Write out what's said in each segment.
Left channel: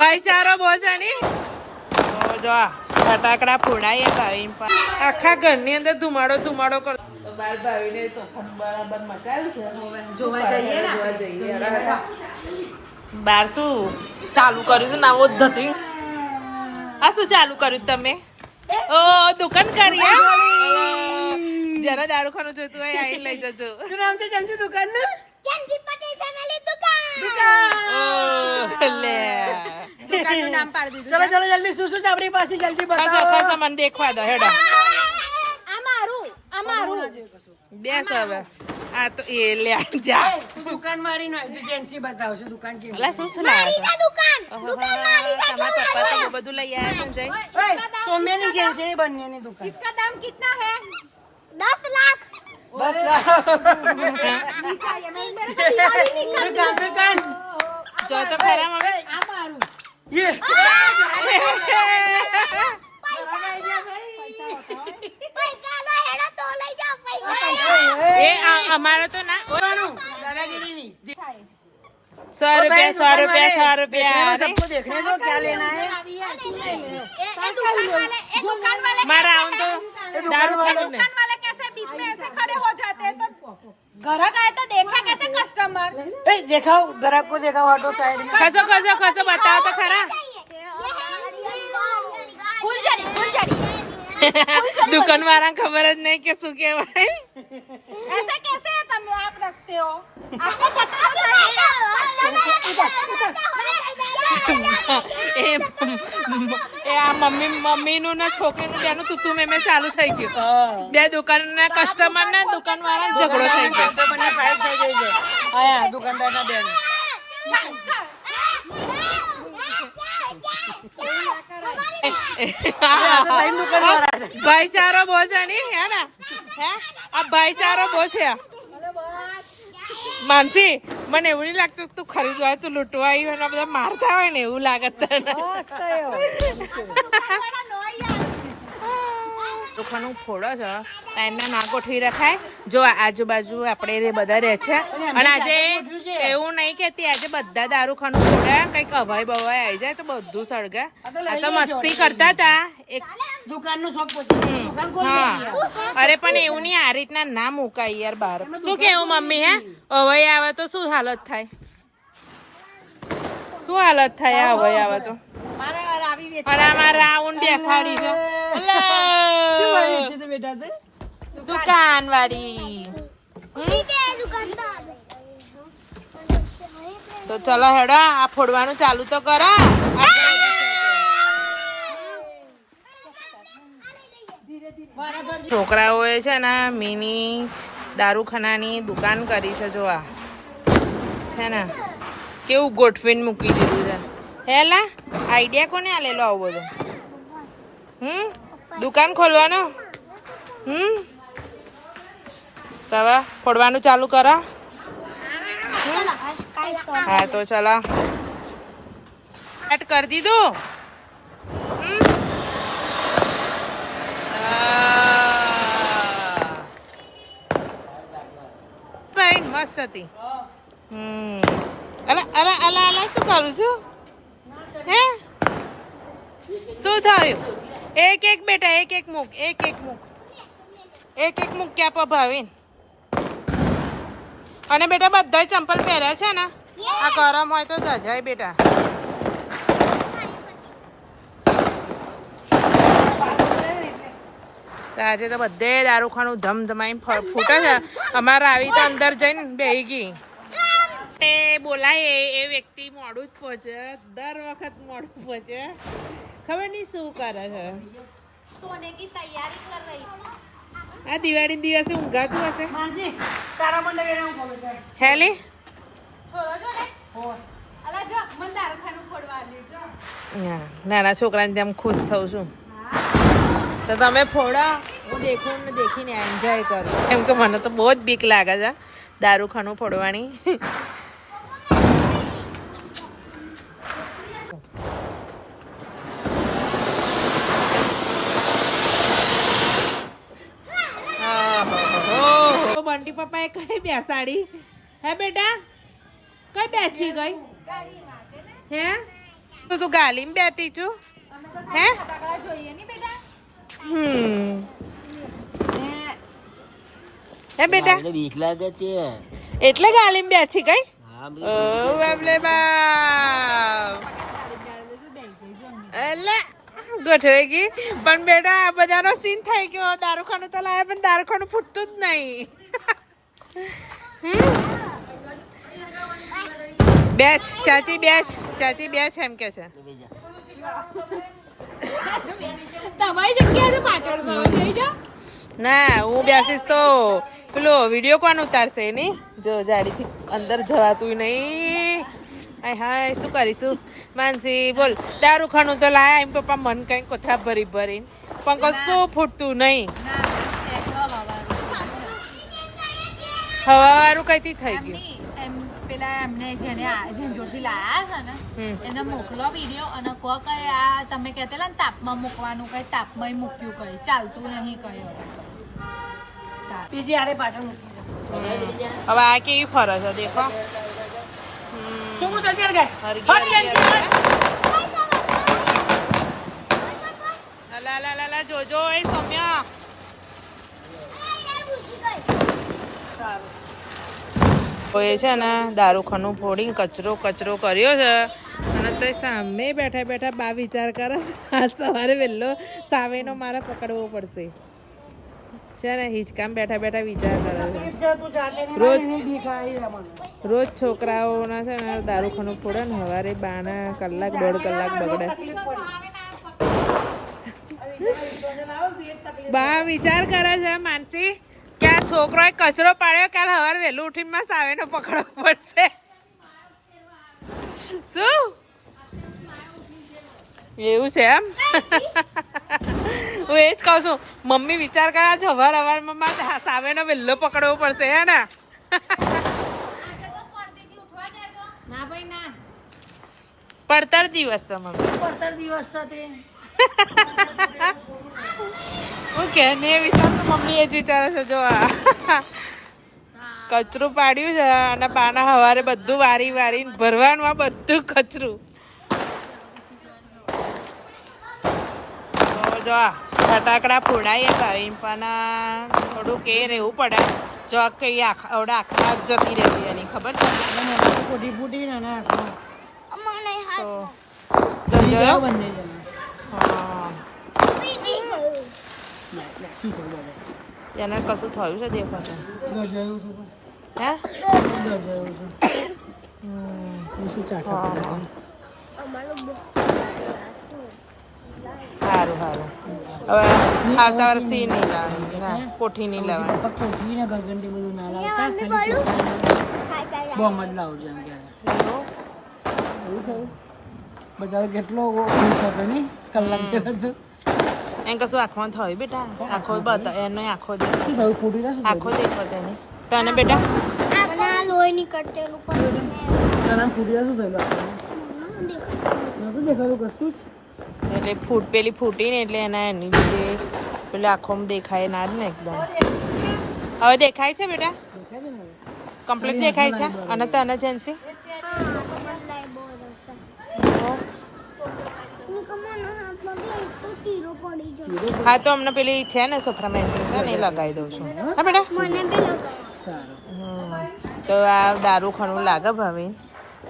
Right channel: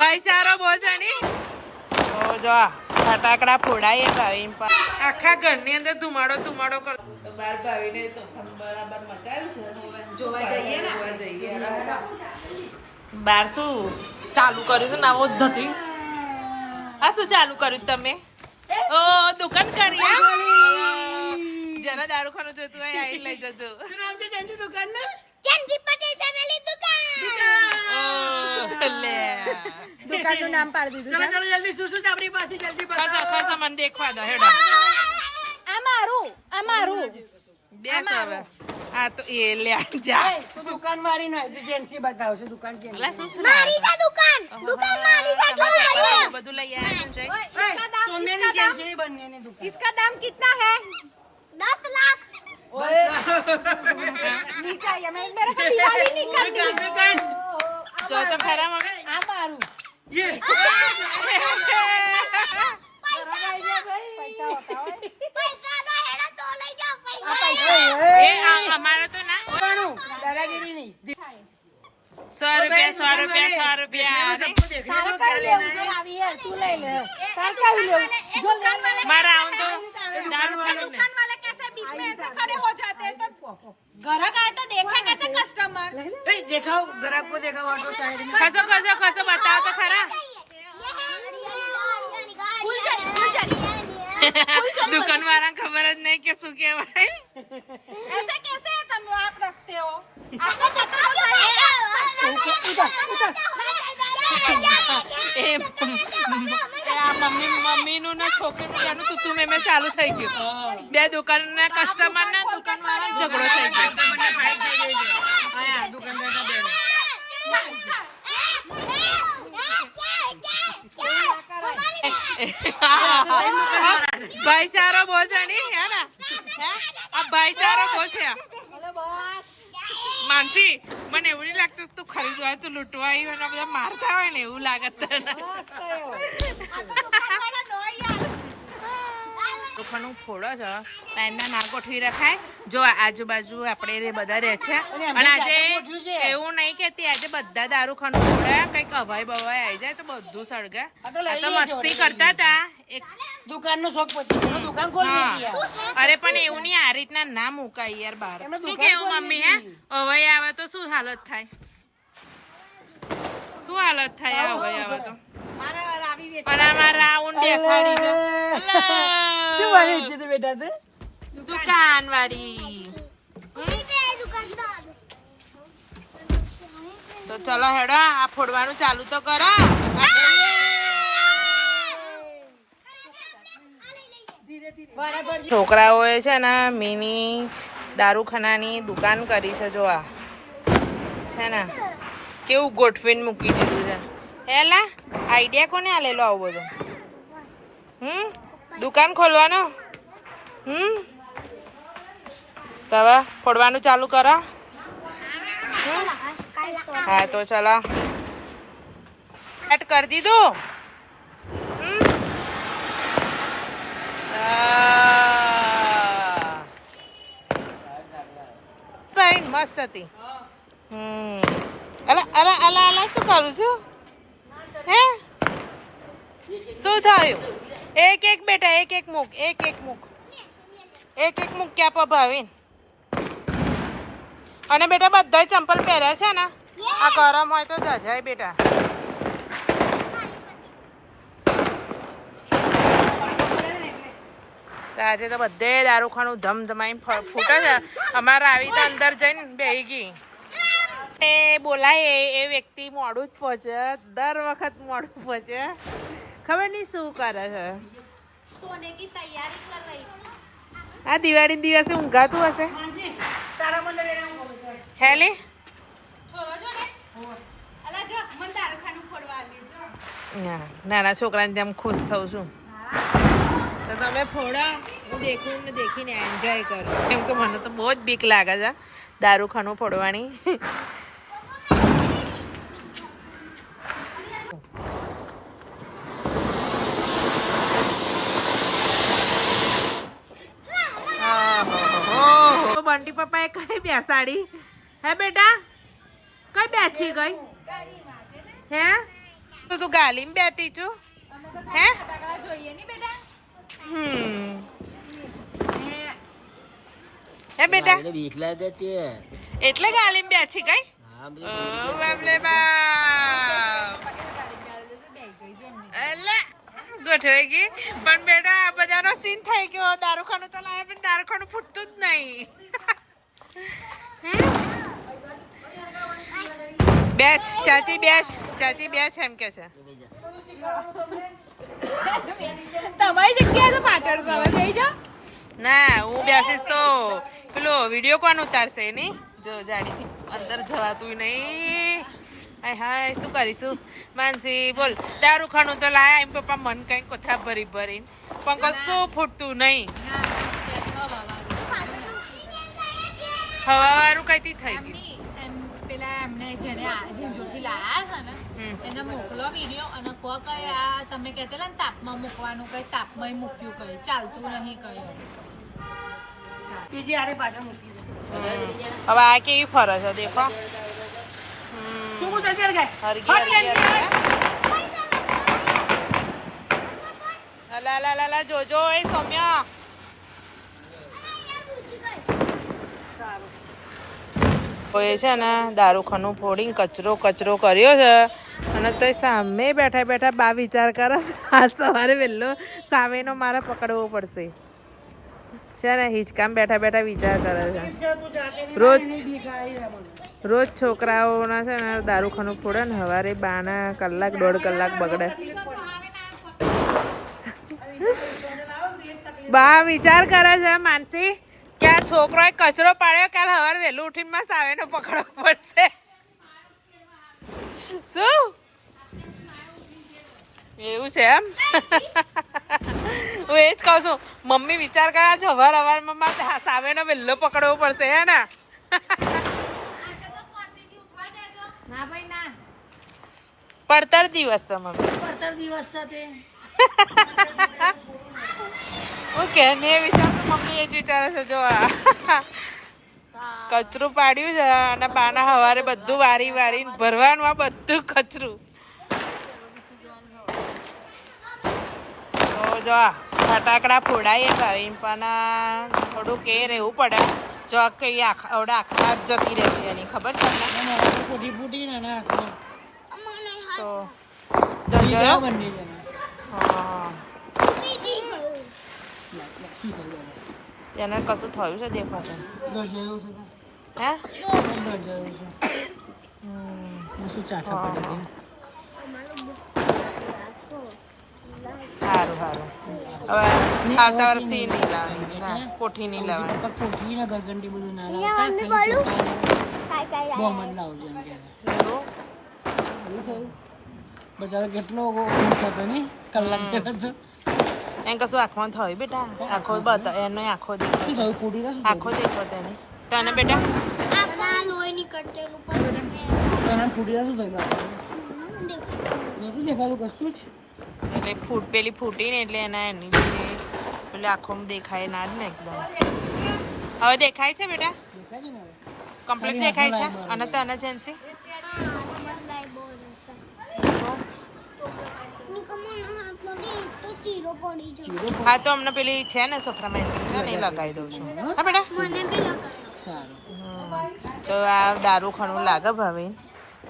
ભાઈચારો બહુ છે ને? તો જો ફટાકડા ફોડાય ભાવી આખા ઘરની અંદર ધુમાડો ધુમાડો કર તો બાર ભાવીને તો બરાબર મચાવ્યું છે. જોવા જઈએ જોવા જઈએ. બાર શું ચાલુ કર્યું છે? નવો ધતિંગ. આ શું ચાલુ કર્યું તમે? ઓ દુકાન કરી? જરા દારૂ ખાનું જોઈતું હોય આઈ લઈ જજો. શું નામ છે? દુકાન દુકાનનું? ચંદી પટેલ ફેમિલી દુકાન ઓ લે દુકાનનું નામ પાડી દીધું ચલો ચલો જલ્દી શું શું છે આપણી પાસે જલ્દી ખાસા બતાવો ખાસા મને દેખવા દો હેડો આ મારું આ મારું બેસ હવે આ તો એ લે જા તું દુકાન મારી નો તું જેન્સી બતાવ છું દુકાન છે અલા શું શું લાયા આ દુકાન છે તમારા પપ્પા તો બહુ બધું લઈ આવ્યા છે ને જય સોમ્યાની જેન્સી ની બંનેની દુકાન इसका दाम कितना है દસ લાખ સો રૂપિયા સો રૂપિયા સો રૂપિયા. મારા આવું તો દારૂ ખાવાનું નહીં. ગ્રાહક આય તો દેખા કેસે કસ્ટમર એ દેખાવ ગ્રાહક કો દેખાવ ઓટો સાઈડ ખસો ખસો ખસો બતાવો તો ખરા. ખબર જ નહીં કે શું કેવાય એસા કેસે તમે આપ રખતે હો? એ એ આ મમ્મી મમ્મીનું ને છોકરીનું ત્યાંનું તું મેં ચાલુ થઈ ગયું. બે દુકાનના કસ્ટમર ને દુકાન વાળા ઝઘડો થઈ ગયો. બેન ભાઈચારો બહુ છે ને હે ને? હે? આ ભાઈચારો બહુ છે. માનસી, મને એવું નહીં લાગતું તું ખરીદવા તું લૂંટવા આવી હોય ને બધા મારતા હોય ને એવું લાગત તને. ચોખાનું ફોડો છો. એના ના ગોઠવી રખાય. જો આજુબાજુ આપણે બધા રહે છે. અને આજે એવું નહીં કેતી આજે બધા દારૂ ખાનું ફોડે કંઈક અભાઈ બવાય આવી જાય તો બધું સળગે. તો. મસ્તી કરતા હતા. એક દુકાનનો શોખ પછી દુકાન ખોલી અરે પણ એવું નહીં આ રીતના ના મુકાય યાર બહાર. શું કેવું મમ્મી હે? અવાય આવે તો શું હાલત થાય? શું હાલત થાય અવાય આવે તો? અને આમાં રાઉન્ડ બેસાડી છે દુકાન વાળી તો ચલો હેડો આ ફોડવાનું ચાલુ તો કરો. છોકરાઓએ છે ને મિની દારૂખાનાની દુકાન કરી છે જો આ છે ને? કેવું ગોઠવીને મૂકી દીધું છે. હેલા આઈડિયા કોને આ લેલો આવું બધું? હમ? દુકાન ખોલવાનો? હમ? તો ફોડવાનું ચાલુ કરા. હા તો ચલો. એટ કરી દીધું? ભાઈ મસ્ત હતી. હમ. અલા અલા અલા અલા શું કરું છું? હે? શું થયું? એક એક બેટા એક એક મૂક એક એક મૂક એક એક મૂક ક્યાં પભાવીને? અને બેટા બધાય ચંપલ પહેર્યા છે ને? આ ગરમ હોય તો દજાય બેટા. આજે તો બધે દારૂખાનું ધમધમાઈ ફૂટે છે. અમારે આવી તો અંદર જઈને બેહી ગઈ. એ બોલાય એ- એ વ્યક્તિ મોડું જ પહોંચે. દર વખત મોડું પહોંચે. ખબર નહીં શું કરે છે. સોને કી તૈયારી કર રહી. આ દિવાળી દિવસે ઊંઘાતું હશે? હેલે? નાના છોકરાને તેમ ખુશ થઉં છું. તો તમે ફોડા. હું દેખું ને દેખીને એન્જોય કરું. કેમ કે મને તો બહુ જ બીક લાગે છે દારૂખાનું ફોડવાની. પપ્પાએ કઈ બેસાડી હે બેટા? કઈ બેસી ગઈ? હે? તો તું ગાલીમાં બેઠી છું. હે? ફટાકડા જોઈએ ની બેટા. હમ. ને હે બેટા? મને લાગે છે. એટલે ગાલીમાં બેઠી ગઈ? ઓ બાપલે બાપ. એટલે ગોઠવાઈ ગઈ. પણ બેટા આ બધાનો સીન થઈ ગયો. દારૂખાનું તો લાવે પણ દારૂખાનું ફૂટતું જ નહીં? બેચ ચાચી બેચ ચાચી બેચ એમ કે છે. તમારી જગ્યાએ પાછળ લઈ જાઓ. ના હું બેસીશ તો પેલો વીડિયો કોણ ઉતારશે એની? જો જાડીથી અંદર જવાતું નહીં. હાય હાય શું કરીશું? માનસી બોલ. દારૂ ખાનું તો લાયા એમ પપ્પા મન કઈ કોથા ભરી ભરી પણ કશું ફૂટતું નહીં. હવા કઈ કઈથી થઈ ગયું. એમ પેલા એમને જેને જોડથી લાયા છે ને એને મોકલો વીડિયો અને કે આ તમે કહેતા ને તાપમાં મૂકવાનું કઈ તાપમાં મૂક્યું કઈ ચાલતું નહીં કઈ હવે. બીજી આડે પાછળ હવે આ કેવી ફરજ છે દેખો હમ. શું હું હરગી હરગી હરગી લા લા લા લા જોજો એ સૌમ્યા. એ છે ને દારૂખાનું ફોડીને કચરો કચરો કર્યો છે. અને તો સામે બેઠા બેઠા બા વિચાર કરે આજ સવારે વહેલો સામેનો મારે પકડવો પડશે. છે ને, હિંચકામ બેઠા બેઠા વિચાર કરે છે. રોજ-. રોજ છોકરાઓના છે ને દારૂખાનું ફોડે ને સવારે બાના કલાક, દોઢ કલાક બગડે. બા વિચાર કરે છે, માનસી છોકરોએ કચરો પાડ્યો કાલ સવારે વહેલું ઉઠીને માં સાવેનો પકડવો પડશે. શું? એવું છે એમ? હું એ જ કહું છું મમ્મી વિચાર કર્યા છે હવાર હવારમાં માં સાવેનો વહેલો પકડવો પડશે હે ના. પડતર દિવસ છે મમ્મી. પડતર દિવસ છે તે. ઓકે ને એ વિચાર મમ્મી એ જ વિચારે છે જો આ કચરું પાડ્યું છે અને પાના હવારે બધું વારી વારીને ભરવાનું આ બધું કચરું. તો જો ફટાકડા ફોડાઈએ ભાઈ પણ થોડું કે રહેવું પડે. જો આ કઈ આખા આવડે આખા જ જતી રહેતી એની ખબર તમને? એ કોઠી ફૂટી ને તો જણા. હા. એને કશું થયું છે દેખાતું. હે? સારું સારું હવે આવતા વર્ષે નહીં લાવવાની ના કોઠી નહીં લાવવાની કોઠી ને ગરગંડી બધું ના લાવતા ખાલી બોમ્બ જ લાવજો એમ એવું? થયું? બચારો કેટલો ખુશ હતો નહીં કલાક થયો. એને કશું આંખમાં થયું બેટા? આંખો બતા એનો આંખો દેખાય. થયું? આંખો દેખો તેને. તને બેટા? લોહી નીકળતેલું પણ થયું તને ફૂટી શું? ન દેખાતું કશું જ? એટલે ફૂટ પેલી ફૂટી ને એટલે એના એની લીધે પેલી આંખોમાં દેખાય ના જ ને એકદમ. હવે દેખાય છે બેટા? દેખાય છે ને હવે? કમ્પ્લીટ દેખાય છે? અને તને જેન્સી? હા તો અમને પેલી છે ને સોફ્રામેસિન છે ને એ લગાવી દઉં છું. હા બેટા? મને બી લગાવો. સારું. હમ. તો આ દારૂ ખણું લાગે ભાવી.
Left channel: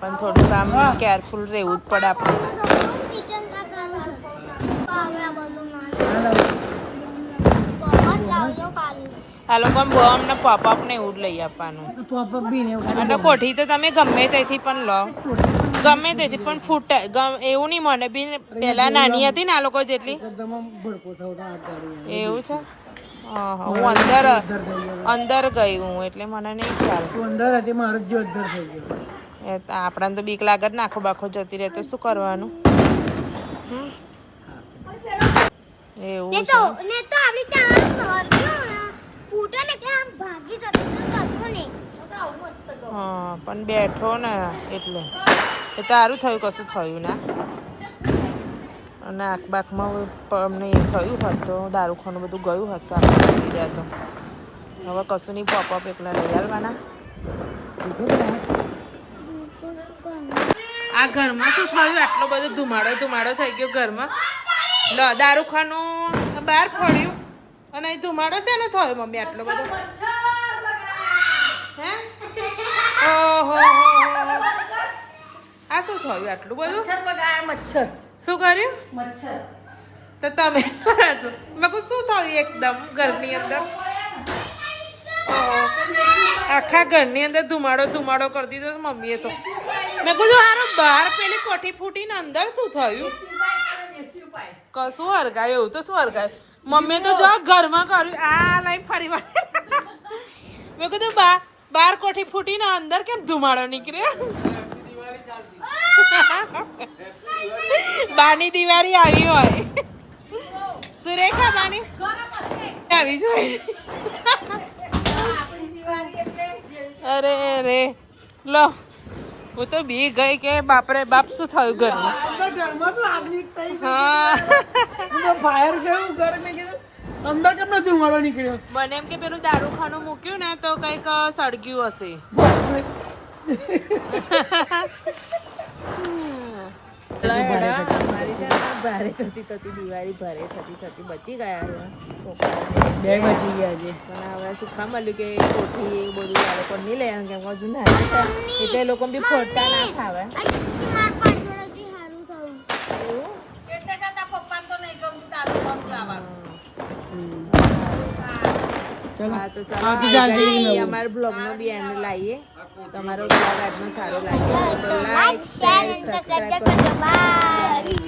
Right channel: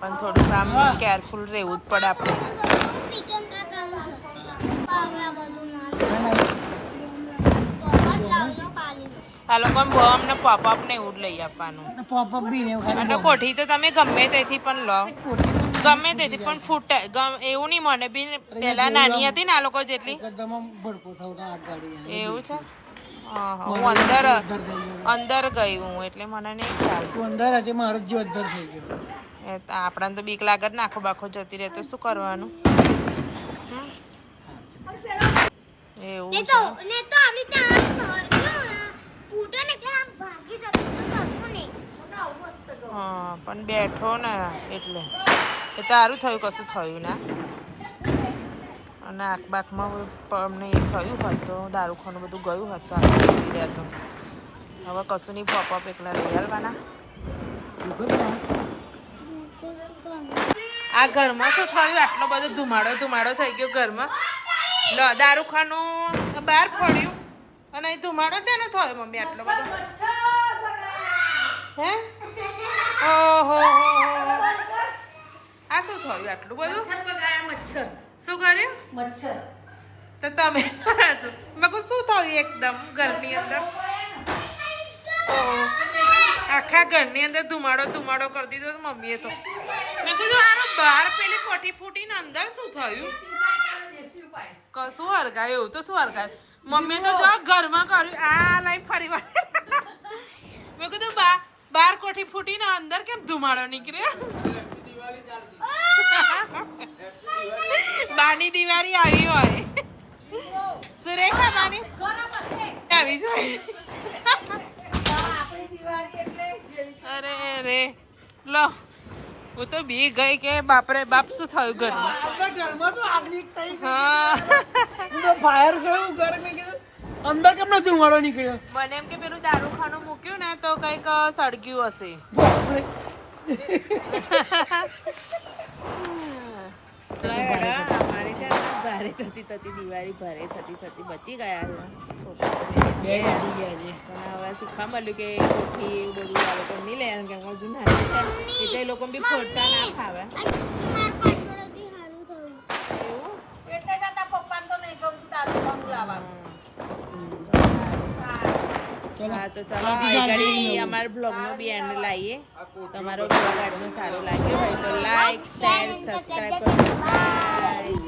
પણ થોડુંક આમ કેરફુલ રહેવું જ પડે આપણે. હાલો લાવ. બહુ અમને પોપઅપ ને એવું જ લઈ આપવાનું. તો બી ને અને કોઠી તો તમે ગમે તેથી પણ લો. કોઠી પણ ગમે તેથી પણ ફૂટે. ગમ- એવું નહીં મને બી પેલા નાની હતી ને આ લોકો જેટલી. એવું છે? હું અંદર અંદર ગઈ હું એટલે મને નહીં ખ્યાલ. અંદર હતી મારો જ અંદર થઈ ગયો. એ તો આપણને તો બીક લાગે જ ને આખો બાખો જતી રહે તો શું કરવાનું? એવું ને છે. તો ને તો આવી ત્યાં ફૂટે ને કે આમ ભાગી જતો ને કશું નહીં. હા પણ બેઠો ને એટલે. એ સારું થયું, કશું થયું ના. અને આંખ બાખમાં પ- અમને એ થયું હોત તો, દારૂખાનું બધું ગયું હોત તો આપણે જતી રહ્યા તો. હવે કશું નહીં, પોપઅપ એકલા લઈ આવવાના? આ ઘરમાં શું થયું? આટલો બધો ધુમાડો ધુમાડો થઈ ગયો ઘરમાં. લો, દારૂખાનું બહાર ફોડ્યું. અને અહીં ધુમાડો શેનો થયો, મમ્મી? આટલો બધો. હે? ઓહો, હો હો. આ શું થયું આટલું બધું? મચ્છર શું કર્યું? મચ્છર. તો તમે મેં શું થયું એકદમ ઘરની અંદર. આખા ઘરની અંદર ધુમાડો ધુમાડો કરી દીધો મમ્મીએ તો. મેં કીધું હારો બહાર પેલી કોઠી ફૂટીને અંદર શું થયું? કશું હરગાય એવું તો શું હરગાય? મમ્મી તો જો ઘરમાં કર્યું આ લઈ ફરી વાર. મેં કીધું બા બાર કોઠી ફૂટીને અંદર કેમ ધુમાડો નીકળ્યો? બાની દિવાળી આવી હોય. સુરેખા બાની. આવી જોઈએ અરે અરે. લો. હું તો બી ગઈ કે બાપરે બાપ શું થયું ઘરમાં? ઘરમાં શું આગની થઈ હા. ફાયર થયું ઘર મેં કીધું અંદર કેમ નથી ધુમાડો નીકળ્યો? મને એમ કે પેલું દારૂખાનું મૂક્યું ને તો કંઈક સળગ્યું હશે. અમારી છે ને ભારે થતી થતી દિવાળી ભારે થતી થતી બચી ગયા છે. બે બચી ગયા છે. પણ હવે સુખા મળ્યું કે કોઠી એવું બધું આ લોકો નહીં લે કેમ કે હજુ નાના છે એટલે એ લોકો બી ફોડતા ના ફાવે એવું? એટલે પપ્પાને તો નહીં ગમતું લાવવાનું? હા તો ચાલો. અમારા બ્લોગનો બી એન્ડ લાવીએ તમારો બ્લોગ આજનો સારો લાગ્યો હોય તો લાઈક શેર સબસ્ક્રાઈબ કરો. બાય